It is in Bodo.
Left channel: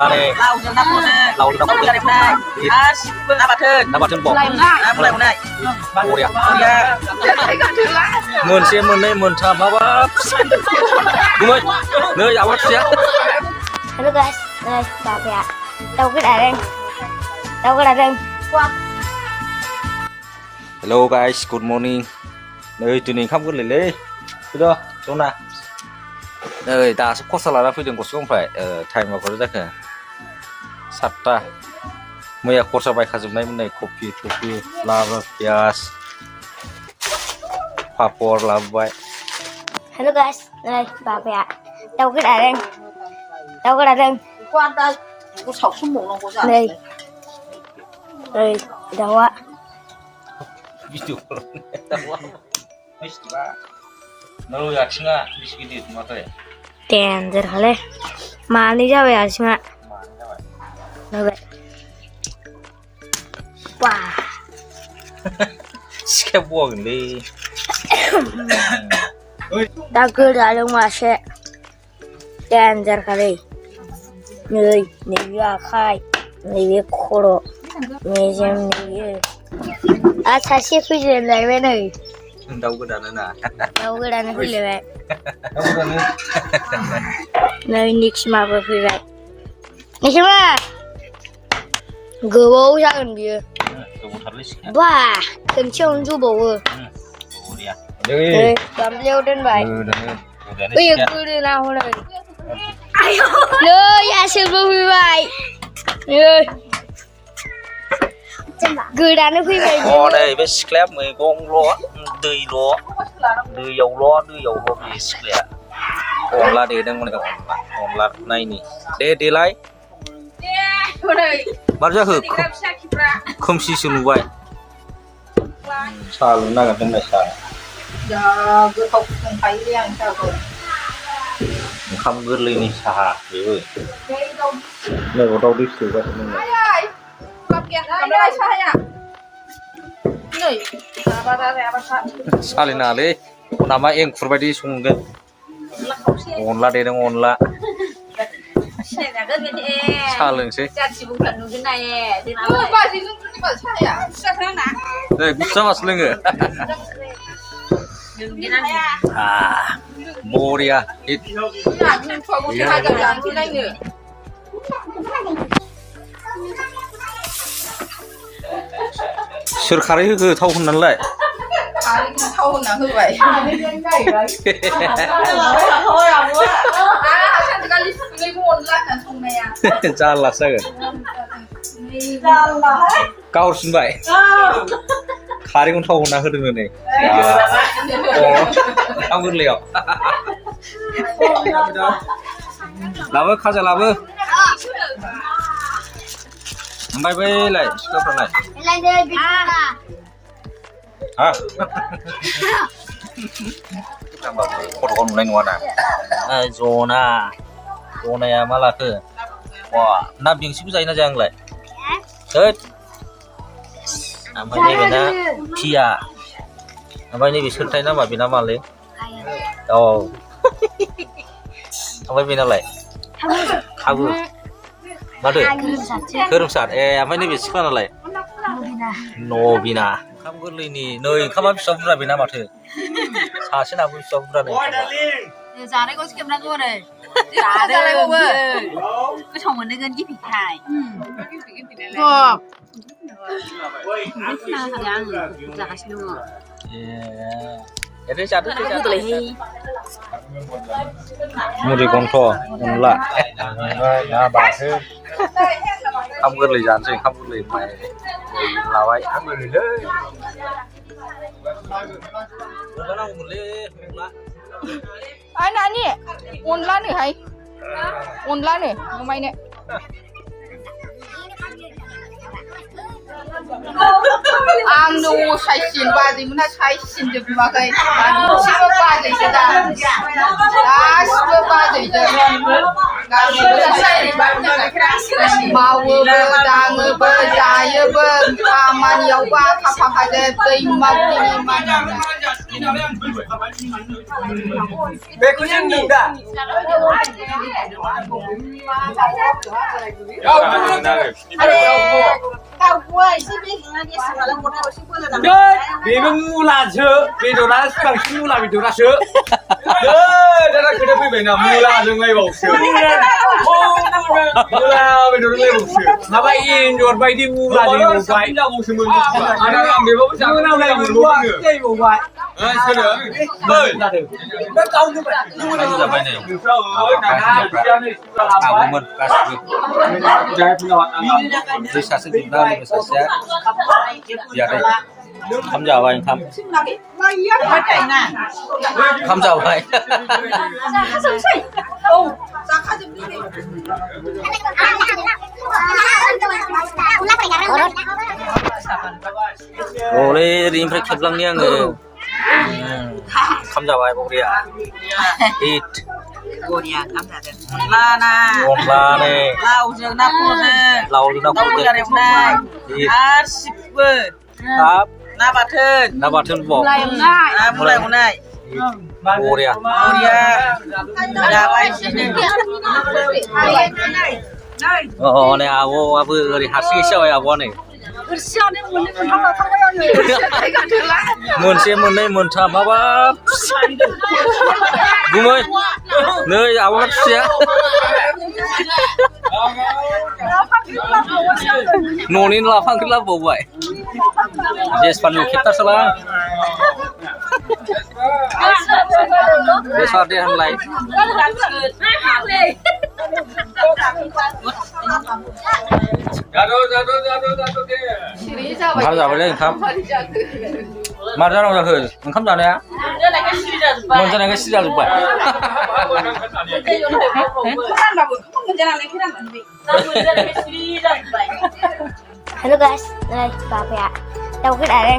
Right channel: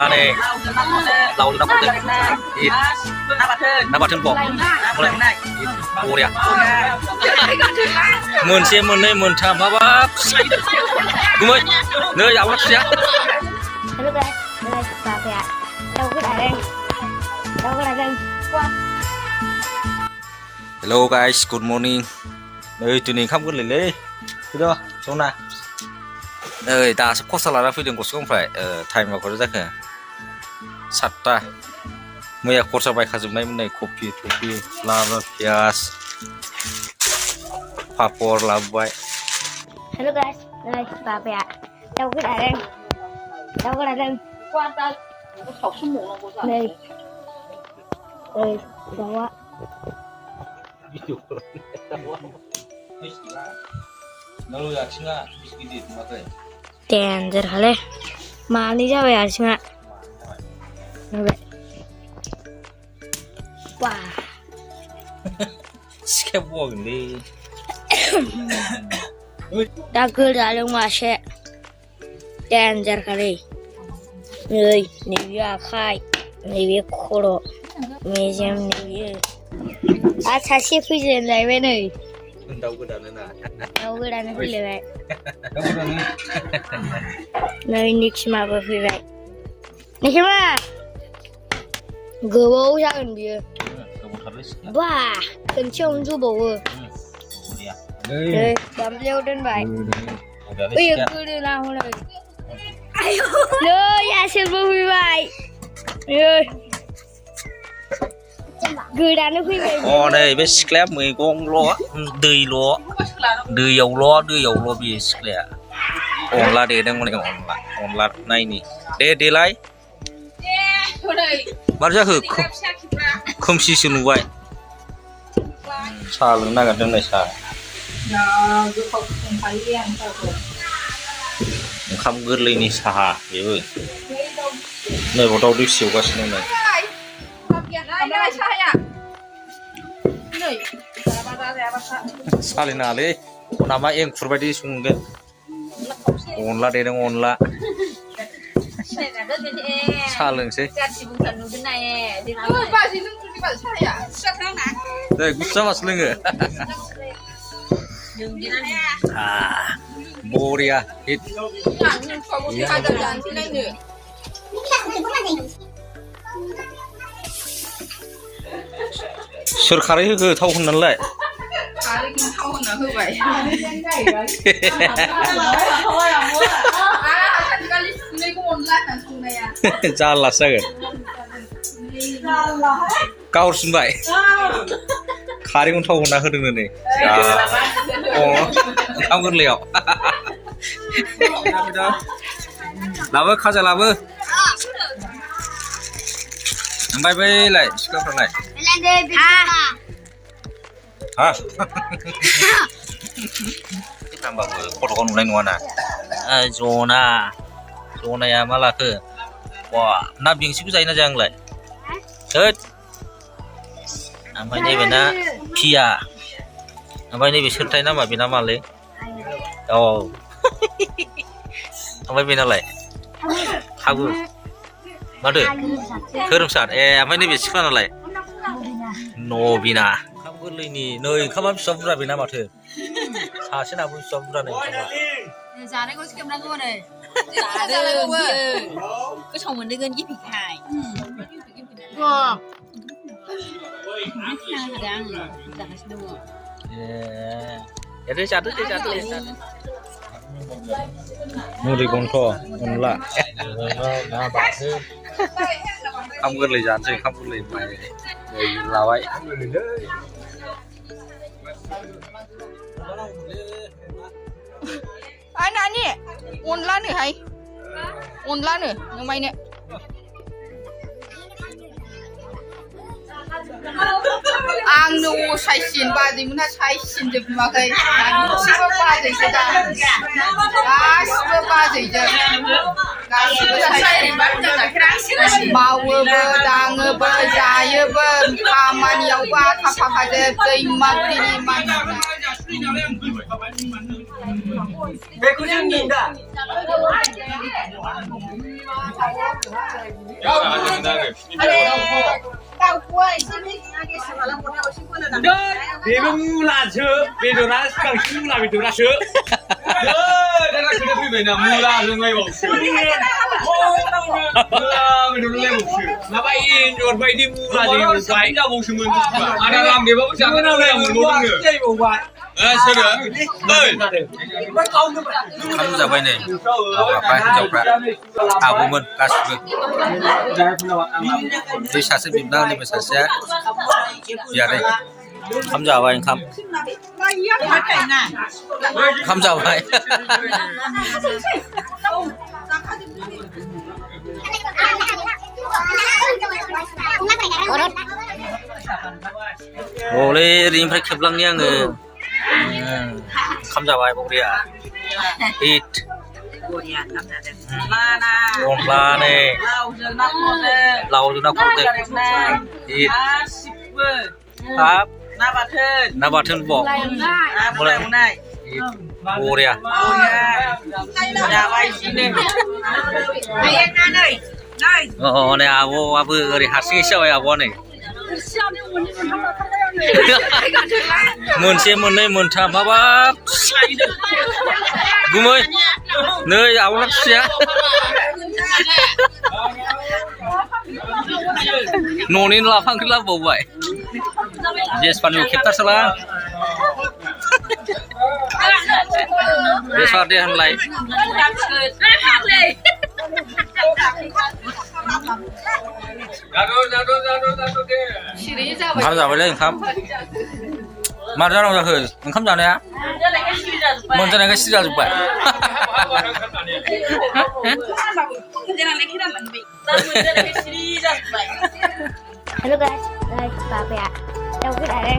Này, lau nước bọt nó bọt thân bọt ủa đẹp mượn xe mượn đây mượn thầm hả bác đúng không nơi áo bắt xe Hello guys, đây bà kìa đâu cái đài đây đâu cái đài đây Hello guys, good morning nơi tụi mình không có lên lấy chưa chỗ nào nơi ta sẽ có salad phía đường của không phải ở thành và có rất là sạch ta bây có sao bài khá dùng đây này coffee lava pias papor lava Hello guys, đây bà kìa đâu cái đài đây đâu cái đài đây quan tâm cô sọc xuống mồm nó cô sao đây đây đâu ạ video nó là chính là cái gì mà thôi tiền rồi hả lẽ mà đi ra về à chứ ạ đâu vậy wow skateboard đi đã cứ ra luôn mà sẽ tiền rồi hả đây người 내가 khai 내가 코로 매점 내가 아 다시 풀리는 라이브는 đâu có đàn nữa nè đâu có đàn 풀리네 đâu có đàn nữa nơi 닉시마 풀리네 닉시마 그거 sao làm gì wow cần trông du bầu đây làm leo trên vậy đây bây giờ cứ đi nào rồi rồi ya xem vui vậy rồi cứ đàn nó phi vậy con này biết scrap mười con ló đưa dầu ló bị scrap on la để đang on la này nè để lại bắt ra hử không xí xíu vậy sao luôn đang ở trong này sao giờ cứ không phải riêng sao rồi không cứ lên đi xa vậy ơi này vào đâu đi xíu quá xin này cầm đây sai à này xa lên nào đấy nằm ai em phải đi xuống cái on la để đang on la này là đơn vị xa lên xe cha chỉ buồn thần cái này đi nào bà chỉ đi bà sai à sao thế nào này cũng sao mà lên rồi đừng đi ăn à Moria ít nhà nhưng không có hai đồng tiền thì đây nữa sửa khai cái thâu không nắn lại cái thâu là hư vậy thôi à muốn à sao người ta lấy buồn lại là thùng này à ra là sao cao xin vậy khai cũng thâu không hơn này không có liệu làm ơi khai ra làm ơi bay bay lại cái phần này lên đây bị à hả thằng bảo con lên ngoài nào zona mà là cái wow nam bình xíu dây nó giang lại hết mấy này bên đó kia mấy này bị sưng tay nó mà bị nó mà lấy mấy bên nó lại không mà được 그럼 살 mấy này bị sưng nó lại 노비나 한글리니 너희 가만 비싸구나 비나 마트 사실 아무 비싸구나네 giá đấy có kiếm ra luôn này giá đấy không ơi có chồng mình đi gần cái thịt hải vâng giá xin luôn 예 để chặt cái gì lấy mua để con thò con lạ nhà bà thế không có lời dàn gì không có lời mày là vậy ai nãy nhỉ ôn lá này hay ôn lá này mày này ăn đồ sai xin ba gì mà sai xin được mà cái xin ba gì thế ta đã xin ba gì chứ đã xin sai thì bắt được cái mau bơ đang bơ dài bơ mà nhiều quá thằng phải để tình mau đi mà Beku jeneng dah. Dia mula je, bedora sekarang sini mula bedora je. Dah kena pergi mana mula jangan bau je. Mula bedora lagi bau je. Napa ini jual bayi di mula je bau bayi. Ada orang dia bau jangan nak lagi bau bayi. Sana, Kamu sampai nih. Aku men kasih. Bisa sebentar nih bisa saya. Ya deh. Kamu jawab yang kamu. Kamu jawab. Boleh rimfrek keblang nih ang. Kamu jawab apa dia? Eat. Korea cảm nhận Lana Con la này. lau dương nắp cô dương Lau dương nắp cô dương. cà rèm này shipperครับ nắp bát thân น้าบัตรบอก mulai mulai โอ้เดีย Korea ada apa sini อ๋อเนี่ยว่าเพื่อฮัตซี่เช่าอ่ะวะเนี่ยมึนเสียมึนเนี่ยมึนทำมาบ้ากูไม่เนยเอาฮัตเสียโน่นนี่เราฟังขึ้นแล้วบ่อยเจสฟันอยู่คิดตัดสลางไม่ชอบได้ทำไรคำจำไปเลยครับมาที่เราจะเคยมันคำจำเนี่ยมันจะไหนก็สิจะจุดไป Halo guys, guys, Pak ya. Tahu kita ada.